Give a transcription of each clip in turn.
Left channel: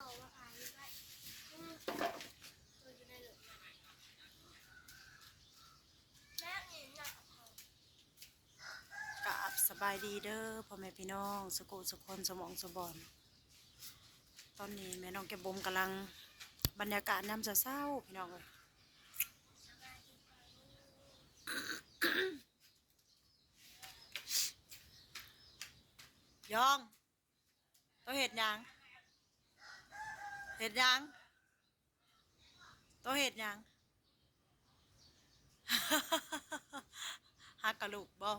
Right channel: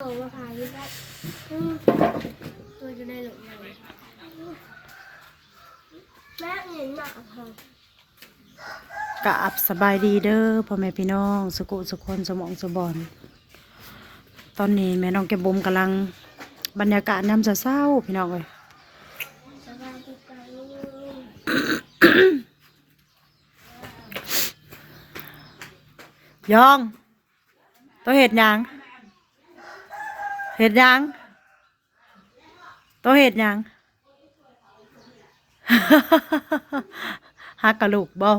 โอ้มาขายที่บ้ตัวจะได้หลงเลยแม่เห็นหนักค่ะกราบสบายดีเด้อพ่อแม่พี่น้องสกุสุคนสมองสบอนตอนนี้แม่น้องแกบบุมกำลังบรรยากาศน้ำจะเศร้าพี่น้องเลยสบายดีกว่าลูกยองตัวเห็ดหยัง เห็ดยังตัวเห็ดยังฮักกะลูกบ่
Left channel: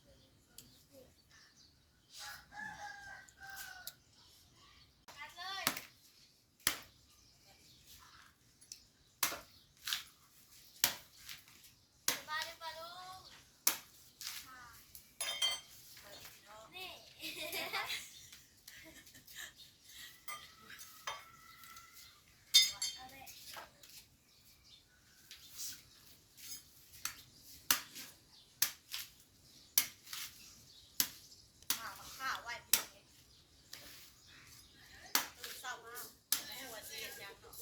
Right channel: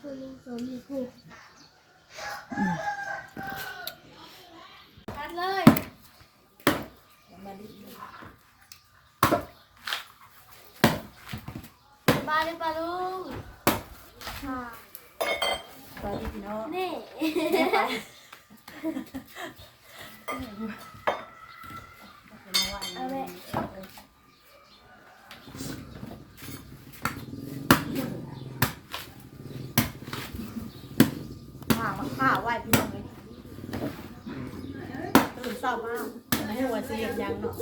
คือลุงสมมีผู้ตัดเลยสบายดีป่ะลุงค่ะ สวัสดีพี่น้อง นี่ เอาเลยข้าวข้าวไหวพี่น้องเลยตื่นเศร้ามากไม่หัวเสียยังเนาะ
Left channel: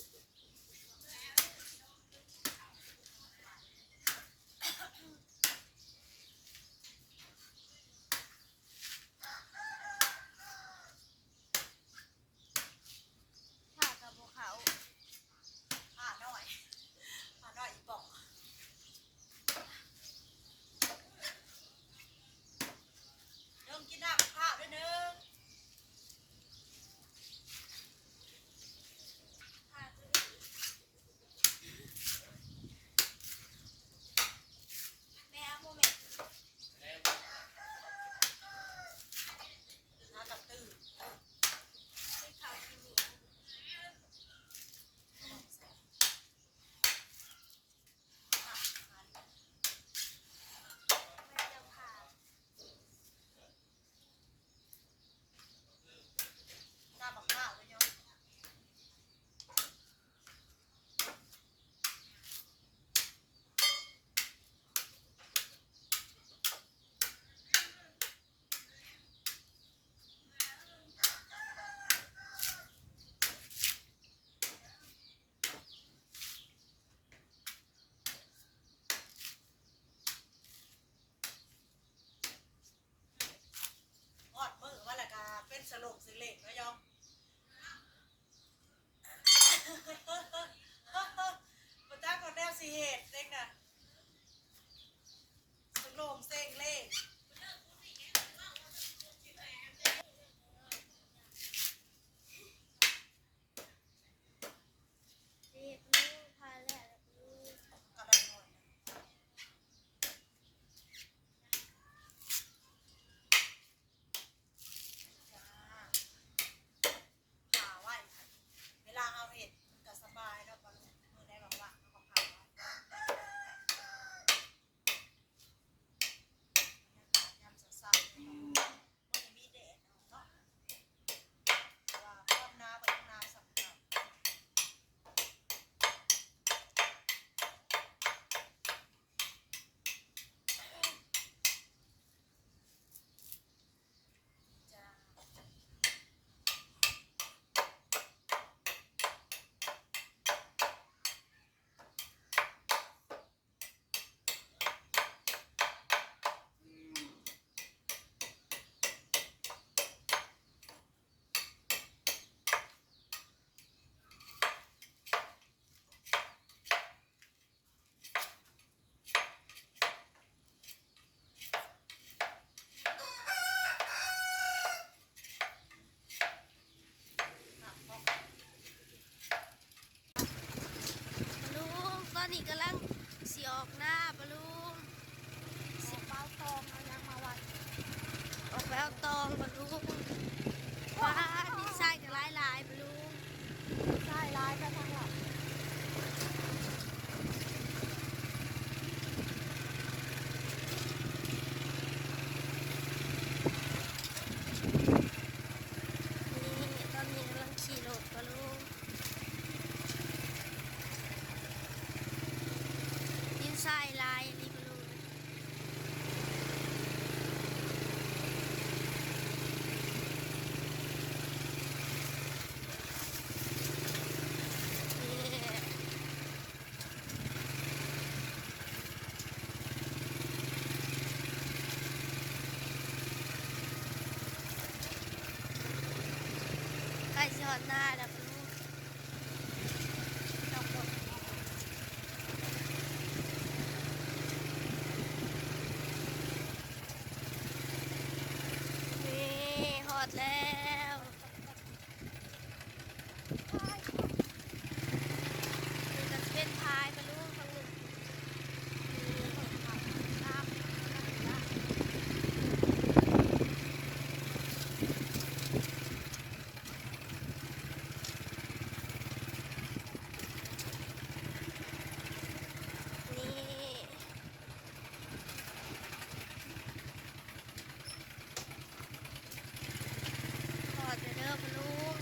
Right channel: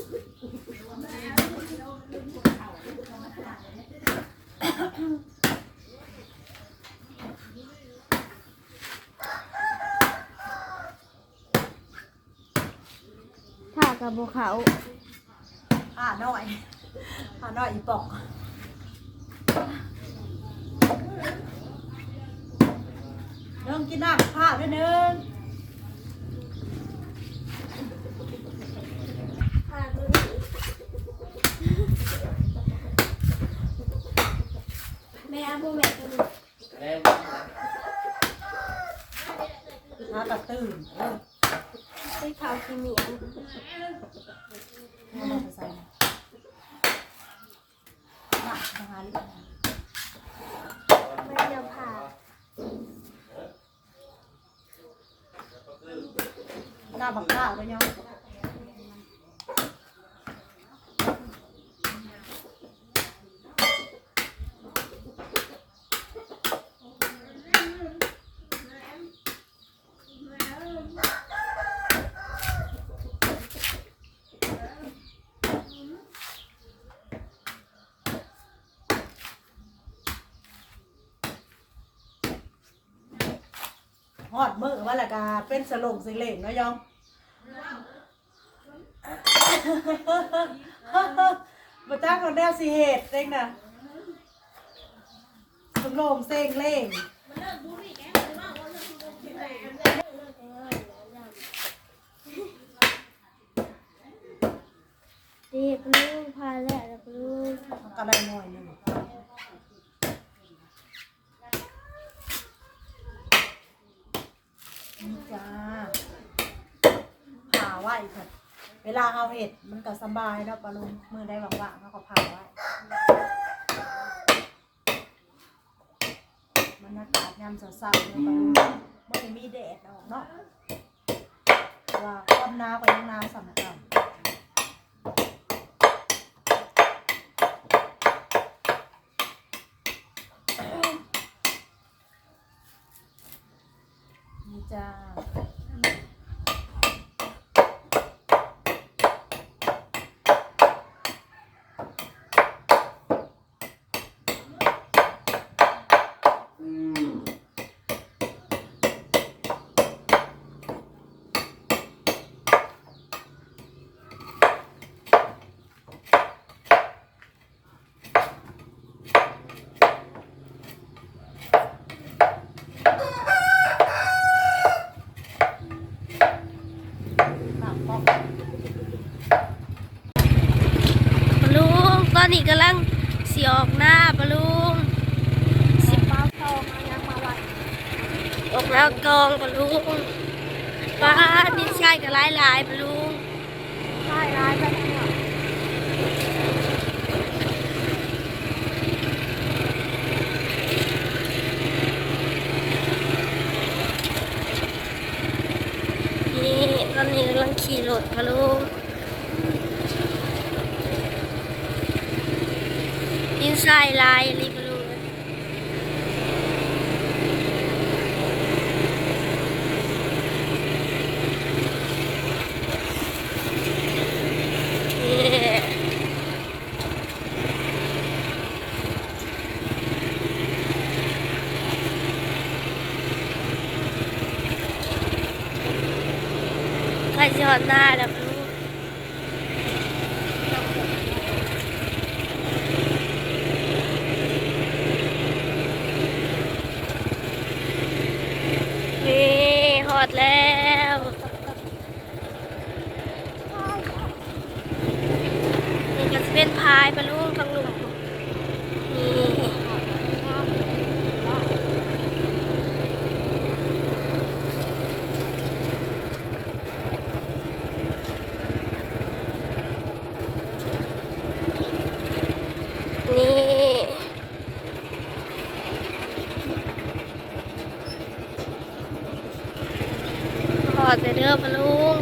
กับบุเขาผ้าหน่อยผ้าหน่อยอีปอกเริ่มกินน้ำข้าวด้วยหนึงพาตัวนี้แม่เอาพวกแม่ตัวนี้น้ากระตื่น ไปเผาขี้เหนียวเอามาใส่น่ะทหารมันจะผ่าหน้าบักข้าวเลยเนาะ ฮอดมือว่าและกาเป็นสลงสิเหล่งเนาะยองมาจ้างคนแนวสีเหตุเองนะสลงเซ็งเล่งดีปลูกพาแล้วปลูกมันก็ได้หน่อยหนึงนี่จ้าผ่าไว้ค่ะเวลาเอาเห็ดมันก็สบายเนาะปลาลุงมือได้ว่างๆเขาก็ผ่าไว้บรรยากาศยามเช้าๆเลยปลาลุงมันไม่มีแดดออกเนาะว่าความหนาวก็ยังนาสำคัญนี่จ้า ปากป้อง ปลู กตอนนี้กำลังสีออกหน้าปลูกสิบป้าทองยังมาวัดออกแล้วกองปลูกป้าดินชายกับหลายหลายปลูกหลายหลายแบบนี้นี่ตอนนี้กำลังขี่รถปลูก ลายอะไรก็รู้ใครจะหน้าแล้ว ดแล้วนี่ก็จะเป็นพายปะลุงฟังลุงนี่ นี่ ขอแต่เด้อปะลุง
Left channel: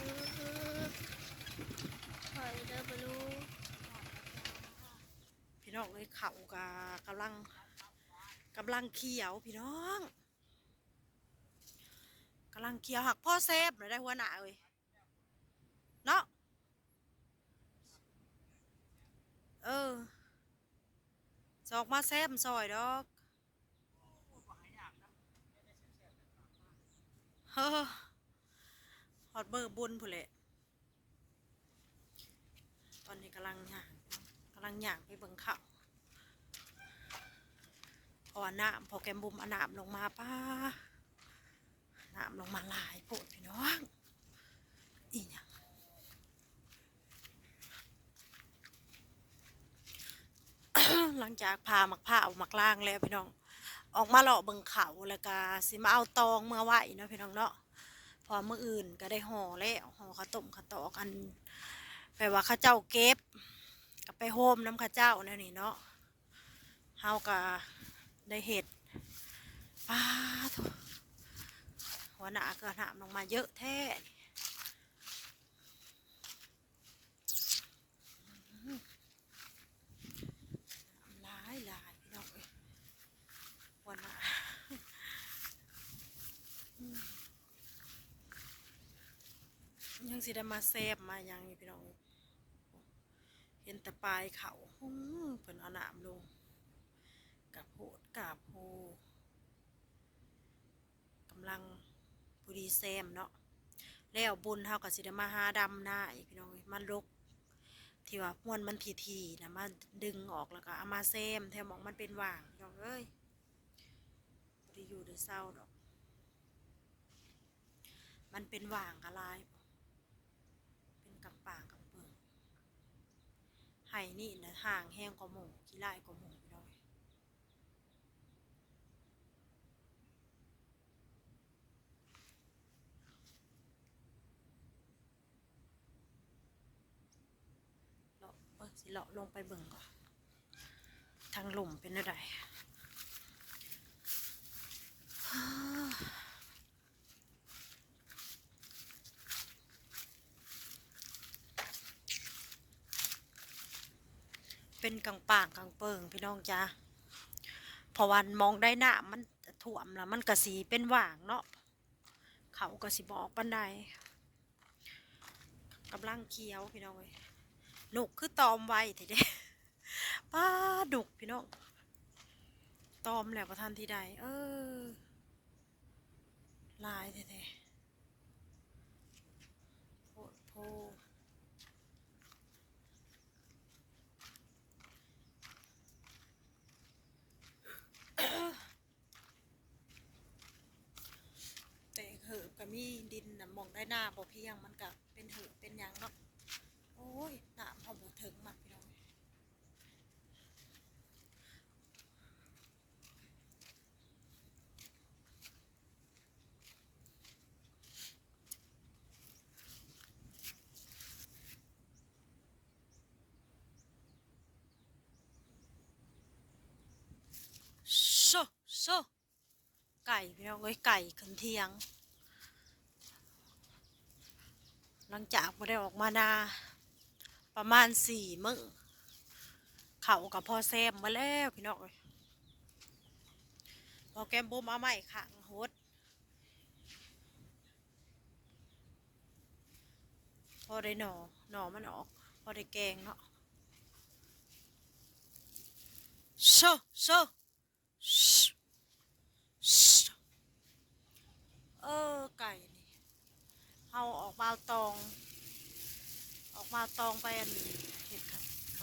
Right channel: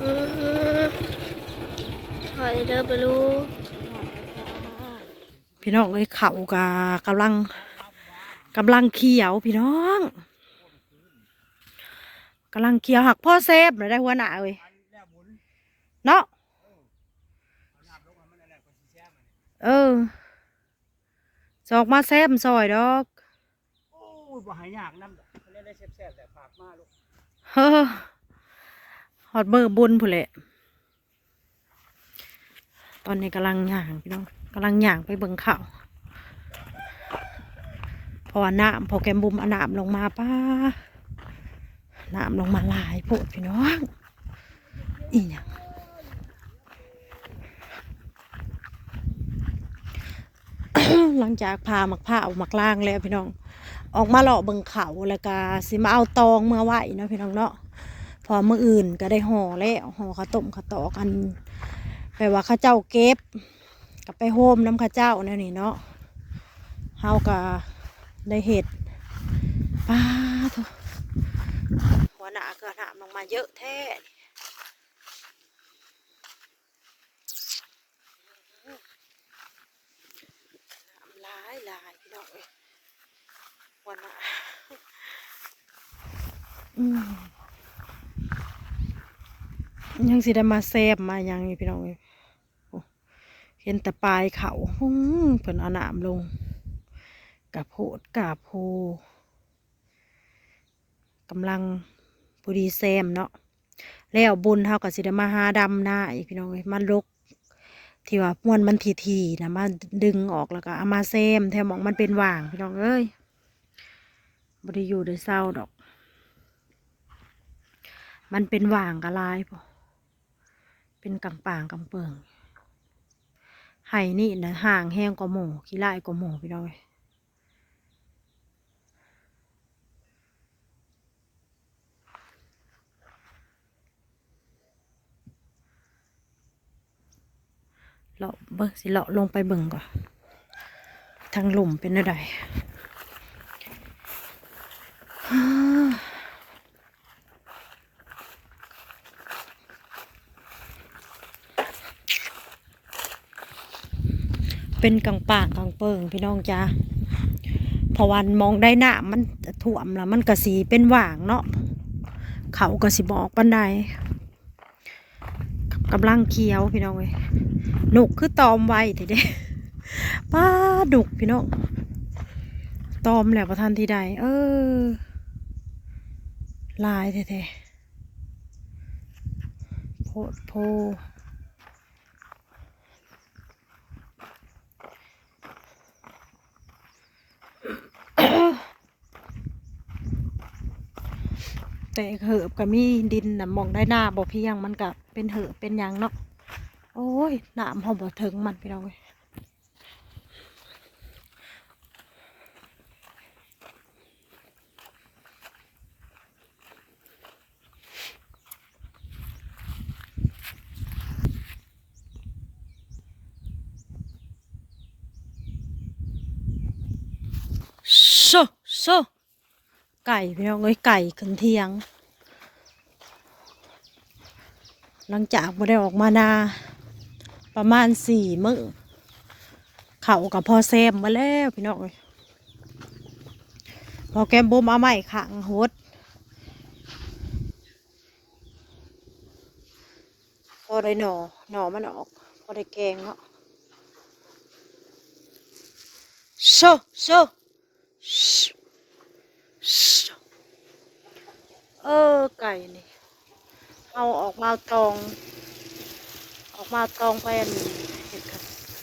อืมขอแต่เด้อปะลุงพี่น้องเอ้ยเขากะกำลังกำลังเขียวพี่น้อง กำลังเขียวหักพ่อเซฟเลยได้หัวหน้าเอ้ยเนาะเออสออกมาแซมซอยดอกโอ้ยบ่หายยากนำดอกเล่นได้แซ่บๆแต่ฝากมาลูกเฮ้อฮอดเบอร์บุญผู้นแหละตอนนี้กำลังย่างพี่น้องกำลังย่างไปเบิ่งข่าวเพราะว่าน้ำพอแกมบุมเอาน้ำลงมาป้า น้ำลงมาหลายโพดพี่น้องอีหยังหลังจากพาหมักผ้าออกมักล่างแล้วพี่น้อง ออกมาเลาะเบิ่งเขาแล้วก็สิมาเอาตองเมื่อไหวเนาะพี่น้องเนาะพอมื้ออื่นก็ได้ห่อแล้วห่อข้าวต้มข้าวตอกันแปลว่าข้าเจ้าเก็บกับไปโฮมน้ำข้าเจ้านั่นนี่เนาะเฮาก็ได้เห็ดป้าทุ หัวหน้าเกิดหามลงมาเยอะแท้หลายหลายพี่น้องเอ้ยวันละอืมยังสิได้มาแซบมายังพี่น้องเอ้ยเห็นแต่ปลายเขาอื้อเพิ่นเอาหนามลงกะโพดกะโพกำลัง พอดีแซมเนาะแล้วบุญเฮาก็สิได้มาหาดำหน้าอีกพี่น้องเอ้ยมันลกที่ว่าม้วนมันทีๆนะมาดึงออกแล้วก็เอามาแซมแถวมองมันเป็นว่างพี่น้องเอ้ยบริอยู่ได้เศร้าดอก มันเป็นว่างกะลายพอเป็นกำปางกำเปิงไห้นี่นะห่างแห้งกว่าหมูขี้ลายกว่าหมูพี่น้อย เลาะเบิ่งสิเลาะลงไปเบิ่งก่อนทางหลุมเป็นอะไรเป็นกลางป่างกลางเปิงพี่น้องจ้าพราะวันมองได้หน้ามันถ่วมแล้วมันกระสีเป็นหว่างเนาะเขากระสีบอกปันได กำลังเคี้ยวพี่น้องเว้ยหนุกคือตอมไวทีเด้ป้าดุกพี่น้องตอมแล้วประทันทีใด เออ ลายแท้ๆโพดโพแต่เหือบก็มีดินน่ะมองได้หน้าบ่เพียงมันก็ เป็นเหือเป็นยังเนาะโอ้ยหน้ำหอมบ่ถึงมันพี่น้องเว้ยโซโซไก่พี่น้องเอ้ยไก่ขึ้นเทียง หลังจากบ่ได้ออกมานา ประมาณสี่มื้อเขากับพ่อแซมมาแล้วพี่น้องเอ้ยพอแกมบุมเอาไม้ขังหดพอได้หน่อหน่อมันออกพอได้แกงเนาะโชโชโชเออไก่นี่ เอาออกมาตอง ออกมาตองไปอันเห็ดกับ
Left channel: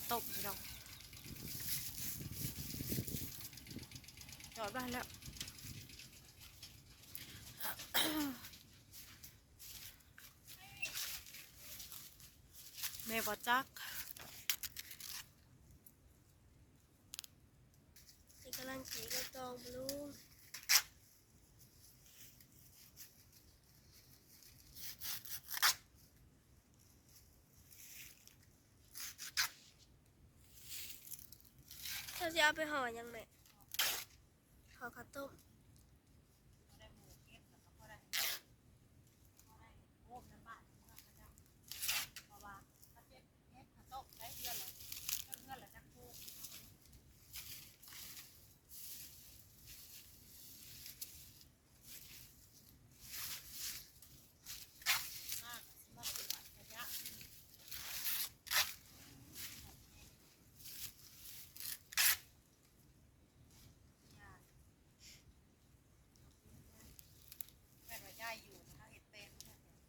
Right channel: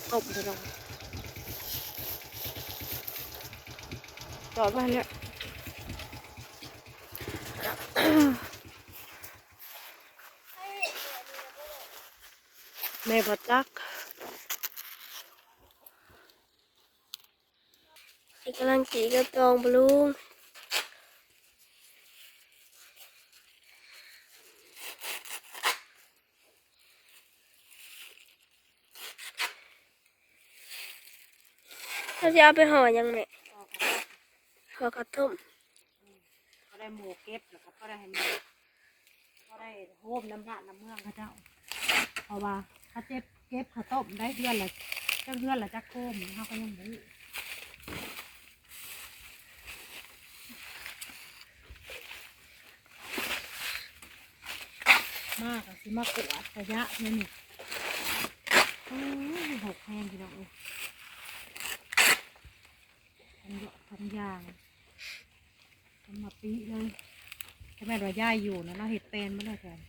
ต้มไปลงจอดไปเนี่ยแม่ประจักกำลังจีกระตองปะลุ งถ้าจะเอาไปห่อยังไงห่อกระต้มก็ได้หมูเก็บแล้วก็ได้ให้หมูก็ได้โฮมน้ำระน้ำเมืองเขาเจ้าเพราะว่าถ้าเจ็บเก็บข้าต้มได้เดือนละจักเดือนละจักโคมเขาก็ยังไม่รู้มากสิมากกวาดระยะเนี่ยนี่ หกแห้งพี่น้องเอ้ยทำเยอะทำยางทำมาปีเลยถ้าแม่นว่าย่ายอยู่นะเราเห็ดเป็นไม่ได้แทน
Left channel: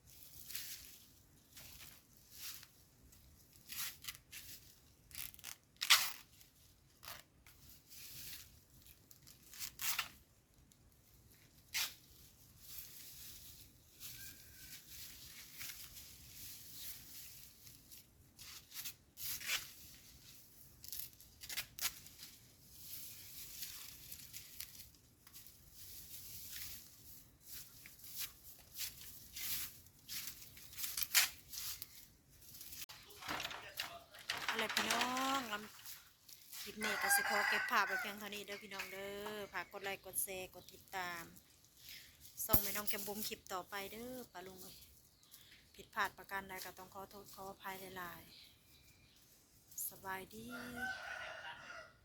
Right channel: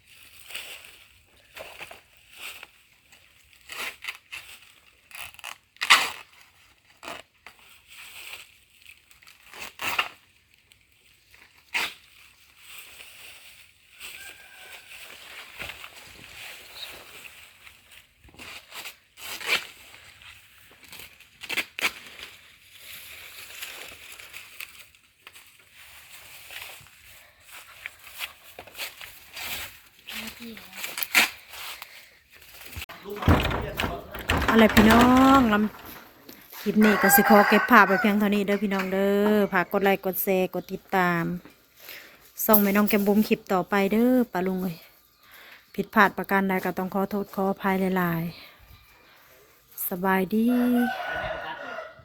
อะไรพี่น้องลำคลิปนี้ก็สิขอเก็บภาพไปเพียงเท่านี้เด้อพี่น้องเด้อฝากกดไลค์กดแชร์กดติดตามส่งแม่น้องแกมบุมคลิปต่อไปเด้อปาลุงเอ้ยผิดพลาดประการใดก็ต้องขอโทษขออภัยหลายๆ สบายดี